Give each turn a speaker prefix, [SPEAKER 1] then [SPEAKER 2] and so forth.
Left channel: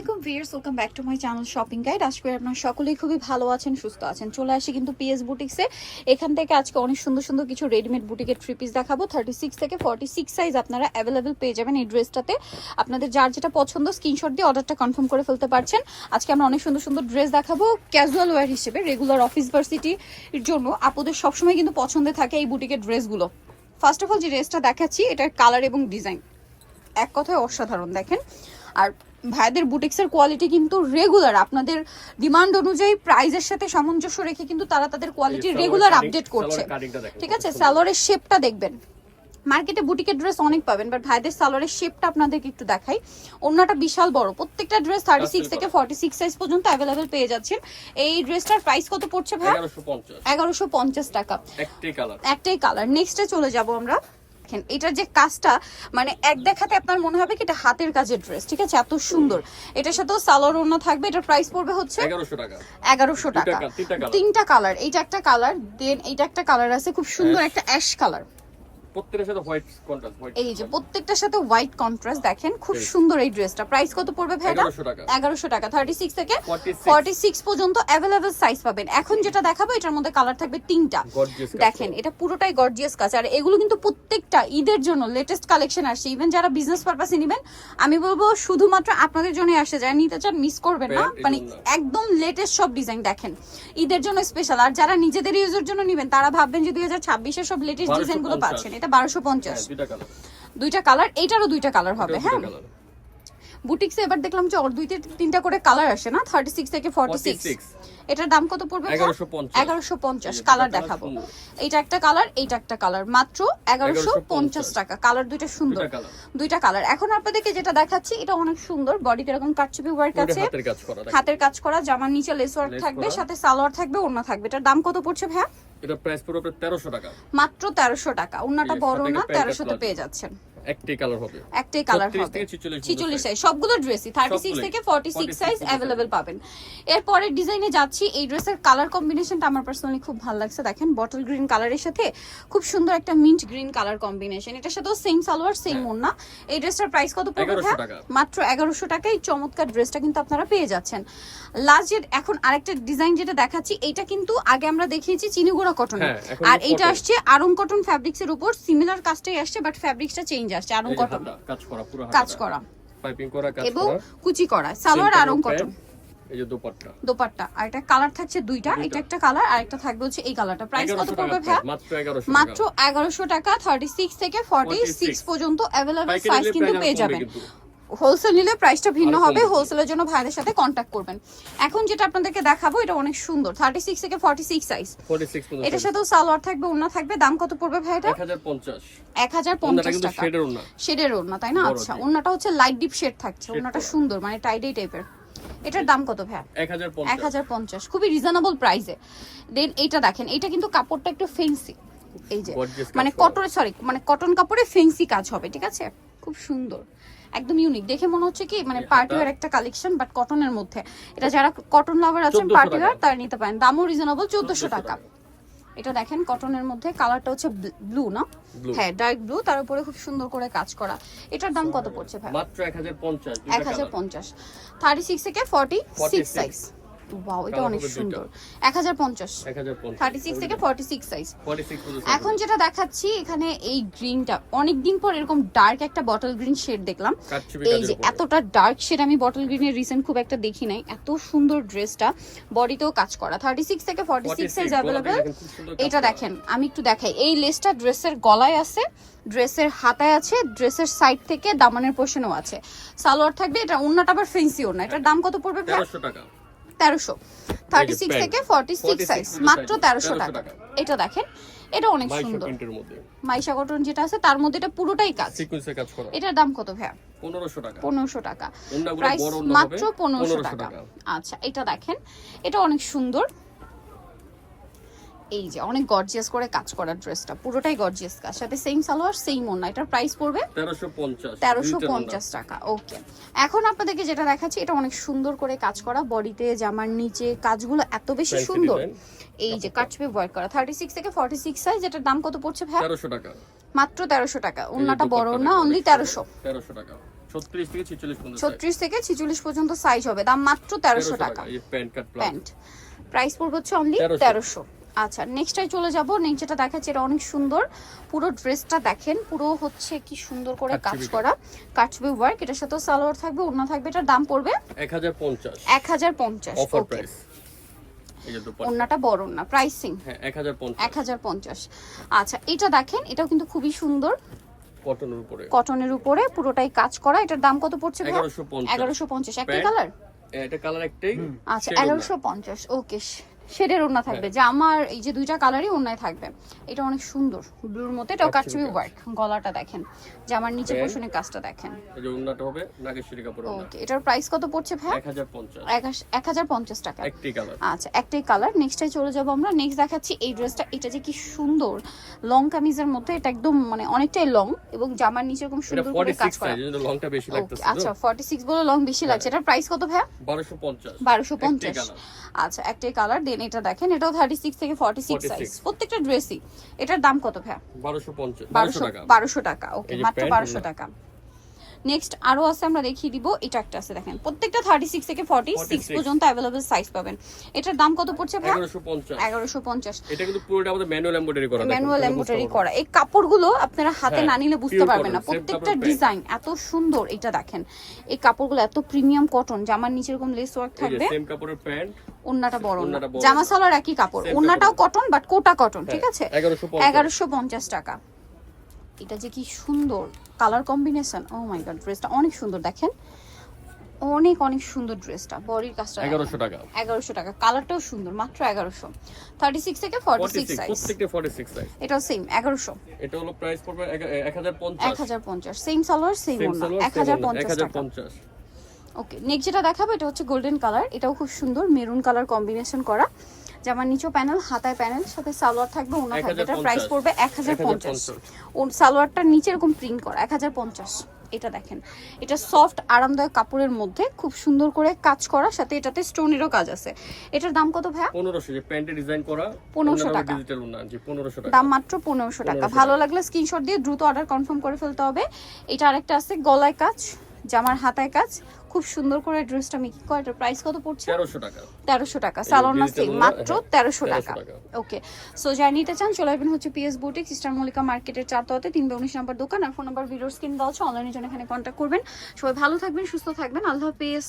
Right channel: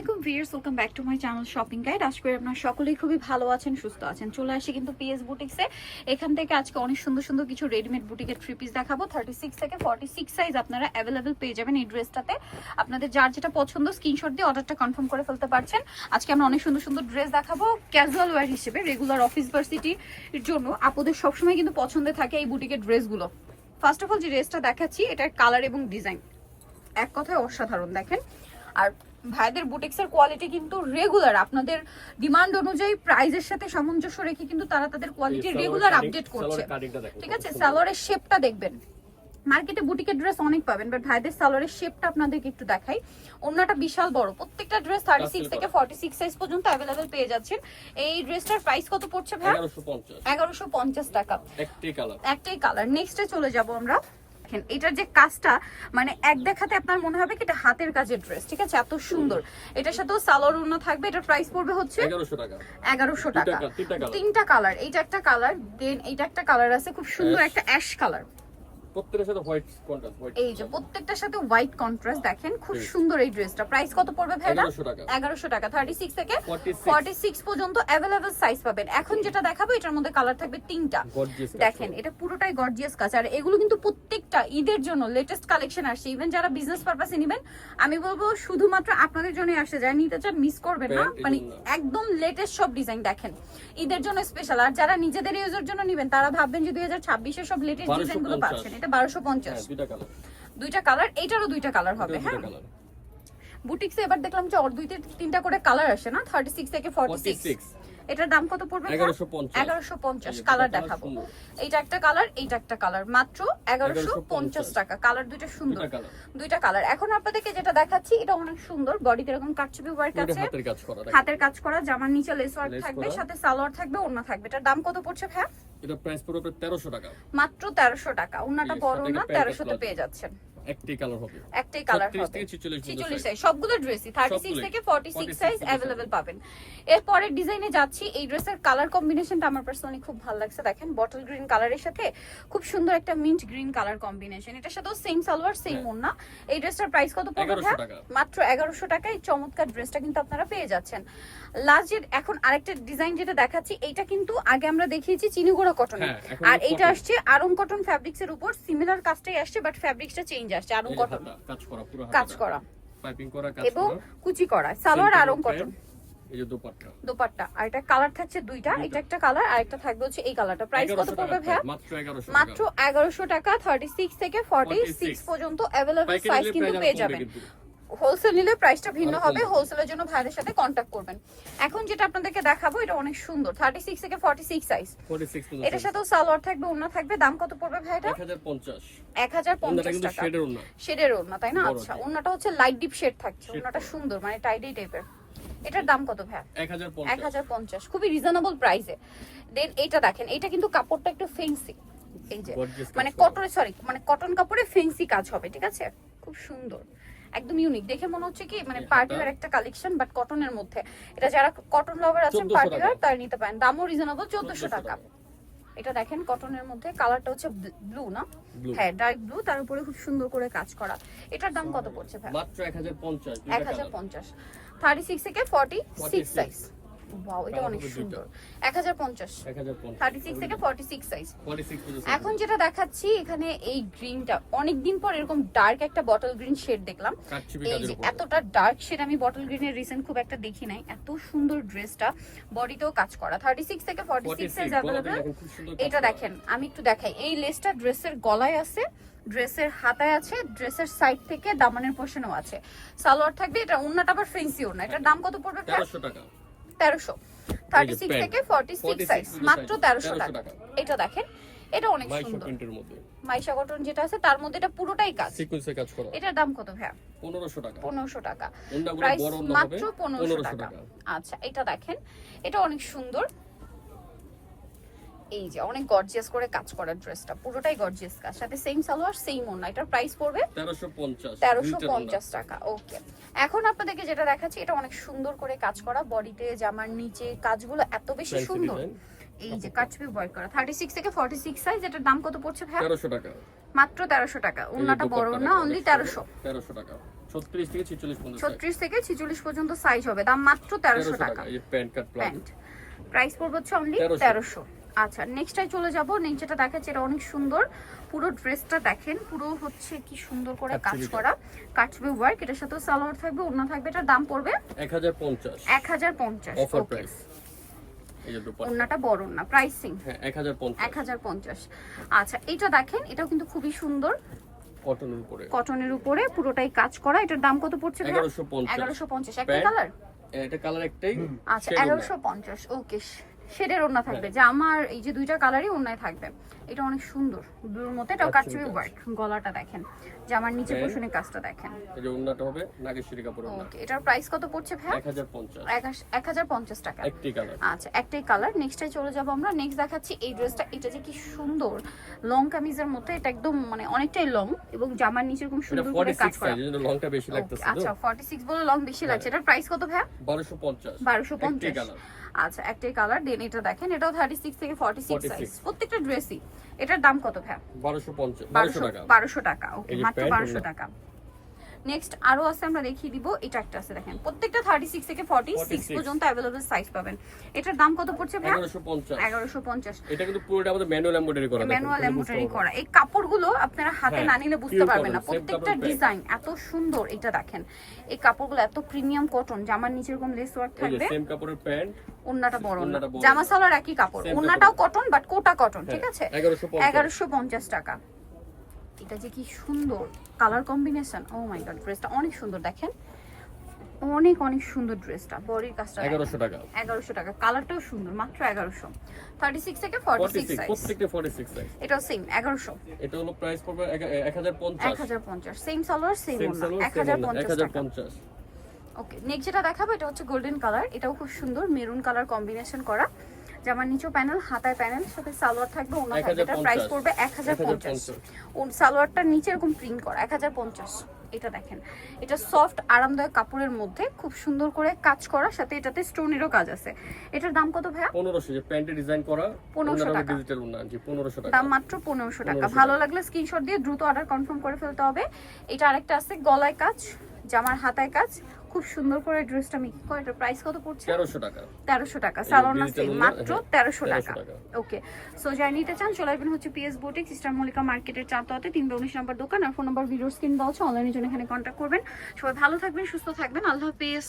[SPEAKER 1] আলাইকুম viewers welcome back to my channel shopping guide আশা করি আপনারা সকলেই খুবই ভালো আছেন, সুস্থ আছেন। চলে আসি কিন্তু পিএস বুটিক্সে এখান থেকে আজকে অনেক সুন্দর সুন্দর কিছু রেডিমেড বুটিকের থ্রি পিস দেখাবো। থার্টি সিক্স থেকে ফর্টি সিক্স সাইজ আপনারা অ্যাভেলেবেল পেয়ে যাবেন এই ড্রেসটাতে। আপনাদের যার যেটা পছন্দ স্ক্রিনশট দিয়ে অর্ডারটা কনফার্ম করে ফেলতে পারছেন। আজকে আমরা অনেক সুন্দর সুন্দর ড্রেস দেখাবো ক্যাজুয়াল ওয়্যার হিসেবে রেগুলার অফিস ভার্সিটির জন্য। আপনাদের সবসময় কিন্তু পছন্দে থাকে এই বুটিকের ড্রেসগুলো ফার্স্ট অফ অল যে ড্রেসটা দেখাচ্ছি, এটার কালার এবং ডিজাইন এক কথায় অসাধারণ, দেখেন। আর ভাইদের বুটিক্সের কোয়ালিটি কিন্তু রেগুলার আপনাদের ডিমান্ড অনুযায়ী প্রাইজের সাথে সামঞ্জস্য রেখে কিন্তু তারা তাদের কোয়ালিটি রেগুলার আপডেট করছে। ঠিক আছে? সালোয়ারের শেপটা দেখবেন। মার্কেটে বুটিকের ড্রেস অনেক পাবেন বাট ভাইদের সালোয়ারের শেপটা আপনাদেরকে একটু দেখাই। অন্যটা বিশাল বড়। প্রত্যেকটা ড্রেস থার্টি সিক্স থেকে ফর্টি সিক্স সাইজ পর্যন্ত অ্যাভেলেবেল পেয়ে যাচ্ছেন। এই ড্রেসটার প্রাইস কত পড়ছে ভাই?
[SPEAKER 2] এগারোশো পঞ্চাশ।
[SPEAKER 1] টাকা।
[SPEAKER 2] একটি কালার
[SPEAKER 1] একটাই কালার নেক্সটে চলে যাব আমরা। দেখেন এটার যে কাজটা মানে এক দেখাতে আপনার মনে হবে কি এটা হাতের কাজের ড্রেস ঠিক আছে? এত সুন্দর। এটার সাথেও সালোয়ার ওড়না থাকবে এটার প্রাইস পড়বে হচ্ছে
[SPEAKER 2] এগারোশো টাকা।
[SPEAKER 1] এগারোশো
[SPEAKER 2] তিনটা
[SPEAKER 1] টাকা।
[SPEAKER 2] কালার
[SPEAKER 1] তিনটা কালার এইটা একটা কালার দেন এইটা একটা কালার আছে খুব সুন্দর একটা অ্যাশ কালার
[SPEAKER 2] সাথে হোয়াইট কন্ট্রাস্ট হোয়াইট
[SPEAKER 1] এই যে প্রত্যেকটার সাথে হোয়াইট কন্ট্রাস্ট দেখেন খুব সুন্দর এই ড্রেসটা প্রাইস কত পড়বে ভাই
[SPEAKER 2] এগারোশো টাকা।
[SPEAKER 1] এগারোশো টাকা থার্টি সিক্স থেকে
[SPEAKER 2] 46
[SPEAKER 1] পর্যন্ত অ্যাভেলেবেল সাইজ পাবেন। এখন যেটা দেখাবো এটার মধ্যে কালার থাকবে তিনটা। দেখেন এটা পুরোটাই গর্জিয়াস কাজ। আর এগুলো কিন্তু প্রত্যেকটা ঈদের জন্য লেটেস্ট কালেকশন আসছে। ইভেন যারা বিজনেস পারপাসে নেবেন আমি বলব শুধুমাত্র আপনাদের জন্য আসে যায় নিতে চান মিস করবেন না। মানে একদম লেটেস্ট সব ডিজাইন দেখেন। ঈদের জন্য স্পেশাল আর যারা নিজেদের ইউজের জন্য নেবেন তারা ভাববেন যে দুই হাজার ছাব্বিশের সব লেটেস্ট
[SPEAKER 2] 1250
[SPEAKER 1] ডিজাইনগুলো পাচ্ছেন। এটা বারোশো পঞ্চাশ।
[SPEAKER 2] হ্যাঁ দুইটা কালার
[SPEAKER 1] দুইটা কালার এইটারও দুইটা কালার হবে হ্যাঁ? বুটিক্সে এবার দেখলাম যে ওর দুইটা তিনটা করে কালার আসে না? থার্টি সিক্স থেকে ফর্টি সিক্স
[SPEAKER 2] 46
[SPEAKER 1] এটার দাম কত পড়বে
[SPEAKER 2] এগারোশো পঞ্চাশ।
[SPEAKER 1] এগারোশো পঞ্চাশ
[SPEAKER 2] এই যে
[SPEAKER 1] কালার দেখাবো। এইটা একটা কালার এইটা একটা কালার মাত্র এগারোশো পঞ্চাশ
[SPEAKER 2] 1150
[SPEAKER 1] টাকা। কালার দুইটা সুন্দর।
[SPEAKER 2] দুইটা কালার
[SPEAKER 1] এখন আপনাদেরকে যেটা দেখাচ্ছি এটা অনেক সুন্দর। বডিতে এরকম কাটচুপি ওয়ার্ক আছে।
[SPEAKER 2] হাতের কাজ করা
[SPEAKER 1] হাতের কাজ করা জামার নিচে লেস ওয়ার্ক থাকবে সাথে সালোয়ার থাকবে ওড়না থাকবে। এটার দাম কত পড়ছে ভাইয়া?
[SPEAKER 2] এটা প্রাইস পড়বে তেরোশো টাকা।
[SPEAKER 1] মাত্র তেরোশো টাকা। ওড়নাটা বড় না
[SPEAKER 2] একটা pant
[SPEAKER 1] তেরোশোতে পেয়ে যাচ্ছেন।
[SPEAKER 2] একটি কালার হবে।
[SPEAKER 1] একটাই কালার
[SPEAKER 2] 36 থেকে 46
[SPEAKER 1] ছিচল্লিশ সাইজ সবগুলো ড্রেসই থার্টি সিক্স
[SPEAKER 2] সবগুলোই।
[SPEAKER 1] থেকে
[SPEAKER 2] 46
[SPEAKER 1] সাইজ অ্যাভেলেবেল পাবেন। এরপরে ডিজাইনে যাচ্ছি এই ড্রেসের কালার কম্বিনেশনটা আমার পার্সোনালি খুব ভালো লাগছে। দেখেন বটল গ্রিন কালারের সাথে খুব সুন্দর একটা মিন্ট গ্রিন কালার কম্বিনেশন এটার সাথেও সেম সালোয়ার সেম
[SPEAKER 2] হ্যাঁ।
[SPEAKER 1] ওড়না। এই ড্রেসটার প্রাইস কত পড়বে
[SPEAKER 2] 1100 টাকা।
[SPEAKER 1] মাত্র এগারোশো টাকায় এই চমৎকার ড্রেসটা কিন্তু আপনারা পেয়ে যাচ্ছেন। লাস্ট যে এখন আরেকটা ডিজাইন যেটা দেখাচ্ছি এটা কিন্তু আগে আমরা দেখিয়েছি চিনিগুড়া কটন
[SPEAKER 2] হ্যাঁ,
[SPEAKER 1] আর এটা আসছে আরং কটন ফ্যাব্রিক্স এর উপর। সিমিলার কাজটাই আসছে বাট ফ্যাব্রিক্সটা চেঞ্জ আসছে আরং কটন
[SPEAKER 2] কাজ করা পুরো
[SPEAKER 1] কাজ করা।
[SPEAKER 2] পাইপিং করা কাজ
[SPEAKER 1] এবং কুচি করা সালোয়ার আরং কটন
[SPEAKER 2] এই যে দোপাট্টা।
[SPEAKER 1] দোপাট্টা আর এটা কালার থাকছে দুইটা। এটা একটা কালার আর একটা থাকবে হচ্ছে এই কালারটা প্রাইস কত পড়বে ভাই
[SPEAKER 2] মাত্র 1100
[SPEAKER 1] মাত্র
[SPEAKER 2] টাকা
[SPEAKER 1] এগারোশো টাকা থার্টি সিক্স থেকে ফর্টি সিক্স
[SPEAKER 2] 46
[SPEAKER 1] পর্যন্ত
[SPEAKER 2] अवेलेबल
[SPEAKER 1] সাইজ কিন্তু পেয়ে যাবেন হোলসেল নিলে প্রাইসটা ভিন্ন হবে হোলসেলের জন্য ভাইদের সাথে কন্ট্যাক্ট করবেন। এখন যেটা আপনাদেরকে দেখাবো এটা অনেক সুন্দর থার্টি সিক্স থেকে ফর্টি সিক্স সাইজ
[SPEAKER 2] 46 পর্যন্ত
[SPEAKER 1] এটার সাথেও সালোয়ার থাকবে ওড়না থাকবে দাম কত পড়বে ভাই এটা
[SPEAKER 2] 1050
[SPEAKER 1] এক হাজার
[SPEAKER 2] ওন্নাটা
[SPEAKER 1] পঞ্চাশ
[SPEAKER 2] কিন্তু
[SPEAKER 1] টাকা।
[SPEAKER 2] শেডের ওন্না
[SPEAKER 1] শেডের ওড়না তাই না? আচ্ছা
[SPEAKER 2] জি।
[SPEAKER 1] ওড়নাটা হচ্ছে লাইট ডিপ শেড থাকছে
[SPEAKER 2] করা।
[SPEAKER 1] সুন্দর মানে টাইডি টাইপের এটার দাম কত ভাই এক
[SPEAKER 2] 1050
[SPEAKER 1] হাজার পঞ্চাশ খুবই রিজনেবল প্রাইসে দেন এটা দেখেন এটা কিন্তু কাপড়টা একটু ফেন্সি এই যে মানে। কটন সরি মানে কটন কাপড়ে ফেন্সি কাজ হবে ঠিক আছে? খুব সুন্দর। একদম ইউনিক দেখে মনে হচ্ছে কি মানে
[SPEAKER 2] পার্টিওয়ার
[SPEAKER 1] পার্টি একটা কালেকশন বাট কটনের মধ্যে। এটা যারা কটন লাভার আছেন
[SPEAKER 2] 1400
[SPEAKER 1] পার্টি ওয়ার তারা নিতে পারেন। দামও রিজনেবল চোদ্দশো টাকা। এটা দেখেন কটনের মধ্যে। কালারটা হচ্ছে ব্লু না? হ্যাঁ ডার্ক ব্লু তার উপরে খুব সুন্দর করে কাজ করা। এটার দাম কত পড়ছে ভাই?
[SPEAKER 2] মাত্র 1050
[SPEAKER 1] এক
[SPEAKER 2] দুইটা
[SPEAKER 1] হাজার
[SPEAKER 2] কালার
[SPEAKER 1] পঞ্চাশ। থার্টি সিক্স থেকে ফর্টি সিক্স
[SPEAKER 2] 46
[SPEAKER 1] সাইজ ওয়াও এটা অনেক সুন্দর। এক হাজার পঞ্চাশ।
[SPEAKER 2] 1050
[SPEAKER 1] থার্টি সিক্স থেকে ফর্টি সিক্স সাইজ
[SPEAKER 2] 46
[SPEAKER 1] এখন যেটা দেখাচ্ছি এখানে এই গ্রিনটা অনেকদিন পর এরকম ডার্ক একটা বটল গ্রিন শেড দেখলাম। এই যে এতটা ডার্ক শেড আমি বটল গ্রিনের রিসেন্ট খুব একটা দেখি নাই। এত সুন্দর ড্রেসটা বডিতেও কাজ করা। থার্টি সিক্স থেকে ফর্টি সিক্স
[SPEAKER 2] 46
[SPEAKER 1] সাইজ
[SPEAKER 2] কাজ
[SPEAKER 1] এটা দেখেন আমি একটু দেখাই। এই লেসটা ড্রেসের গলায় আছে ড্রেসের হাতায় আছে ড্রেসের সাইড থেকে দামানের পোর্শনও আছে। সালোয়ার থাকবে এটা ওন্নাটা আবার ফেন্সি ওন্না এটার দাম কত পড়বে? ভাই?
[SPEAKER 2] 1300 টাকা।
[SPEAKER 1] তেরোশো। থার্টি সিক্স থেকে ফর্টি সিক্স সাইজ মাত্র তেরোশো টাকা।
[SPEAKER 2] টাকা।
[SPEAKER 1] এটা দেখেন এটা অনেক সুন্দর। মাইশা কটন যেটা আছে তার মধ্যে এটা পুরোটাই কাজ।
[SPEAKER 2] সিকোয়েন্সে কাজ করা।
[SPEAKER 1] এটার দাম কত ভাইয়া?
[SPEAKER 2] 1500 টাকা।
[SPEAKER 1] পনেরোশো টাকা।
[SPEAKER 2] ওন্নাগুলো
[SPEAKER 1] প্রাইস
[SPEAKER 2] বড়
[SPEAKER 1] মাত্র পনেরোশো
[SPEAKER 2] 1500
[SPEAKER 1] টাকা।
[SPEAKER 2] টাকা।
[SPEAKER 1] আচ্ছা এটা দেখেন এটা অনেক সুন্দর। এই যে অনেক গর্জিয়াস করে কাজ করা ড্রেসটা পুরোটাই গর্জিয়াস কাজ। সাথে সেম সালোয়ার সেম ওন্না এটার প্রাইস পড়বে
[SPEAKER 2] 1350
[SPEAKER 1] তেরোশো
[SPEAKER 2] দুইটার ওন্না।
[SPEAKER 1] পঞ্চাশ টাকা ওকে এখন আপনাদেরকে যেটা দেখাচ্ছি এটা অনেক সুন্দর করে কাজ করা বডিতে জামার নিচে কাজগুলো এত বেশি সুন্দর। এই যে কাটছবি ওয়ার্ক করা থার্টি সিক্স থেকে ফর্টি সিক্স সাইজ এটার দাম কত পড়ছে ভাই
[SPEAKER 2] 1300 টাকা।
[SPEAKER 1] মাত্র তেরোশো টাকা ওন্নাটা বড় না অনলি
[SPEAKER 2] অনেক
[SPEAKER 1] তেরোশো।
[SPEAKER 2] সুন্দর। 1300 টাকা। ছত্রিশ থেকে ছিচল্লিশ পর্যন্ত
[SPEAKER 1] সাইজ হবে দাম মাত্র তেরোশো
[SPEAKER 2] 1300
[SPEAKER 1] টাকা
[SPEAKER 2] এই প্যান্ট কাট প্লাজো
[SPEAKER 1] প্রাইস পড়বে হচ্ছে অনলি
[SPEAKER 2] 1300
[SPEAKER 1] তেরোশো। আচ্ছা নেক্সটটাই চলে যাব। যেটা দেখাচ্ছে এটা অনেক সুন্দর। পুরো ড্রেসটা দেখেন পুরো হচ্ছে কি সুন্দর করে কাজ করা। কাটবে ওয়ার্ক এটার সাথে সালোয়ার থাকবে ওড়না থাকবে এটার দাম পড়বে
[SPEAKER 2] এক হাজার পঞ্চাশ।
[SPEAKER 1] এক হাজার পঞ্চাশ
[SPEAKER 2] অফার প্রাইস এই যে দুপাট্টা।
[SPEAKER 1] ওড়নাটা বড় না প্রাইসিং
[SPEAKER 2] হ্যাঁ এক হাজার পঞ্চাশ।
[SPEAKER 1] এক হাজার পঞ্চাশ। আচ্ছা এটা দেখেন এটাও কিন্তু খুবই সুন্দর।
[SPEAKER 2] কটনের উপরে।
[SPEAKER 1] কটনের উপরে পুরোটাই কাজ করা এটার দাম কত পড়ছে
[SPEAKER 2] এগারোশো পঞ্চাশ।
[SPEAKER 1] এগারোশো পঞ্চাশ একটা কালার
[SPEAKER 2] এটা কালার একটাই।
[SPEAKER 1] আচ্ছা
[SPEAKER 2] shade ওড়না।
[SPEAKER 1] এগারোশো পঞ্চাশ ওকে শেডের ওড়না থাকবে।
[SPEAKER 2] হ্যাঁ।
[SPEAKER 1] যে আমার এই যে দুইটা কালারই ওড়নায় থাকবে। এটা অনেক সুন্দর। ব্লুর মধ্যে এটাও
[SPEAKER 2] কাটছবি
[SPEAKER 1] ওয়ার্ক গলাটা দেখেন। যে আমার নিচে
[SPEAKER 2] Pant?
[SPEAKER 1] কাজটা দেখেন।
[SPEAKER 2] এই যে ওড়নাটা হবে নাগেশ্বরী কাপড় ওড়না।
[SPEAKER 1] এটার প্রাইস কত পড়ছে ভাই?
[SPEAKER 2] এক হাজার পঞ্চাশ।
[SPEAKER 1] এক হাজার পঞ্চাশ টাকা।
[SPEAKER 2] একটি কালার
[SPEAKER 1] আচ্ছা একটাই কালার নেক্সটে চলে যাব আমরা। নেক্সট দেখাচ্ছি এই ড্রেসটা এটা যে কি সুন্দর। লং কামিজের মধ্যে এটা একদম মানে অনেকটাই লং এবং জামার নিচে এরকম সুন্দর করে কাজ করা।
[SPEAKER 2] সাইজ লংটা বেশি লাগতেছে
[SPEAKER 1] আচ্ছা 46 বলে লং বেশি লাগছে। এটার প্রাইস কত ভাই?
[SPEAKER 2] বারোশো পঞ্চাশ।
[SPEAKER 1] 1250
[SPEAKER 2] কালার
[SPEAKER 1] আচ্ছা একটাই কালার দেন এটা দেখেন এটাও 36 থেকে 46
[SPEAKER 2] 46
[SPEAKER 1] সাইজ প্রত্যেকটা ড্রেসই এটার দাম কত ভাই
[SPEAKER 2] বারোশো পঞ্চাশ বারোশো টাকা।
[SPEAKER 1] 1200 টাকা ওকে মাত্র
[SPEAKER 2] বারোশো
[SPEAKER 1] 1200 টাকা। নেক্সট আরও আছে আমরা দেখিয়ে দিব। এটা একটা আছে দেখেন। প্রত্যেকটা থার্টি সিক্স থেকে ফর্টি
[SPEAKER 2] সিক্স
[SPEAKER 1] পর্যন্ত অ্যাভেলেবেল সাইজ পাবেন। এটার দাম কত পড়ছে ভাই
[SPEAKER 2] এগারোশো পঞ্চাশ। এটা কিন্তু পুরোটা আমাদের ম্যানুয়াল এমব্রয়ডারি করা
[SPEAKER 1] ম্যানুয়াল এমব্রয়ডারি করা। এই কাপড়গুলো আপনারা হাতে
[SPEAKER 2] হ্যাঁ,
[SPEAKER 1] না নিলে বুঝতে পারবেন না। প্রত্যেকটা ডিজাইন এত সুন্দর এটা দেখেন। এই কাপড়গুলো এত প্রিমিয়াম কটন জামার নিচে এরকম লেস ওয়ার্ক থাকবে?
[SPEAKER 2] সেম কাপড়ের প্যান্ট
[SPEAKER 1] ওন্নাটা বড় জামা সালার একই কাপড়। ওন্নাটাও কটন বাট কোটা কটন
[SPEAKER 2] হ্যাঁ,
[SPEAKER 1] ঠিক
[SPEAKER 2] আছে?
[SPEAKER 1] এগারোশো পঞ্চাশ টাকা। এটা যে কি সুন্দর colour combination oh my god ড্রেসটা অনেক সুন্দর দেখেন? অনেক অনেক সুন্দর ড্রেসটা বডির কাজটা
[SPEAKER 2] এগারোশো টাকা।
[SPEAKER 1] এগারোশো টাকা কালারটাও সুন্দর মাত্র এগারোশো। থার্টি সিক্স থেকে forty
[SPEAKER 2] forty
[SPEAKER 1] six
[SPEAKER 2] six
[SPEAKER 1] size
[SPEAKER 2] প্রত্যেকটা ফর্টি সিক্স সাইজ
[SPEAKER 1] এটাও সেম এগারোশো।
[SPEAKER 2] এটা হলো প্রাইস পড়বে এক হাজার পঞ্চাশ।
[SPEAKER 1] এক হাজার পঞ্চাশ সেম সালোয়ার সেম টাকা।
[SPEAKER 2] পঞ্চাশ।
[SPEAKER 1] ওকে নেক্সট যেটা দেখাবো এটা হচ্ছে গোল্ডেন কালার এটাও খুব সুন্দর মেরুন কালার কম্বিনেশন করা। জামার নিচেও প্যানেল হাতায় প্যানেল সাথে সালোয়ার থাকবে ওনার
[SPEAKER 2] 1050
[SPEAKER 1] প্রাইস পড়বে এক হাজার পঞ্চাশ।
[SPEAKER 2] 1050
[SPEAKER 1] ও সালোয়ারটার নিচে এরকম প্রিন্ট করা এক হাজার পঞ্চাশ। এটা দেখেন। এটা সফট আরামদায়ক কাপড়ের মধ্যে খুব সুন্দর করে কাজ করা সাথে এটাতে স্টোনেরও কাজ আছে। এটার দাম কত ভাইয়া?
[SPEAKER 2] পনেরোশো যে প্যান্টে ডিজাইন করা
[SPEAKER 1] 1500 টাকা।
[SPEAKER 2] ডিজিটাল ওনা জি পনেরোশো টাকা।
[SPEAKER 1] দাম মাত্র পনেরোশো টাকা। ভালো লাগলে স্ক্রিনশট দিয়ে দ্রুত অর্ডার কনফার্ম করে ফেলতে হবে। এটা আরেকটা আছে গলায় কাজ জামার হাতায় কাজ। খুব সুন্দর করে ড্রেসটা মেকিং করা এটার প্রাইস কত পড়ছে?
[SPEAKER 2] 1300 টাকা।
[SPEAKER 1] 1300 টাকা। সালোন সেম মাত্র
[SPEAKER 2] হ্যাঁ,
[SPEAKER 1] তেরোশো
[SPEAKER 2] 1300
[SPEAKER 1] টাকা।
[SPEAKER 2] টাকা।
[SPEAKER 1] ওকে সো যারা নিতে চান চলে আসবেন হচ্ছে পিএস বুটিক সিস্টার মলিকা মার্কেটের চারতলাতে তিন উনিশ নাম্বার দোকান আর ফোন নাম্বার ভিডিওর স্ক্রিন দেওয়া আছে অনলাইনে জন্য এখানে কন্টাক্ট করবেন। সবাই ভালো থাকবেন সুস্থ থাকবেন। আল্লাহ হাফেজ।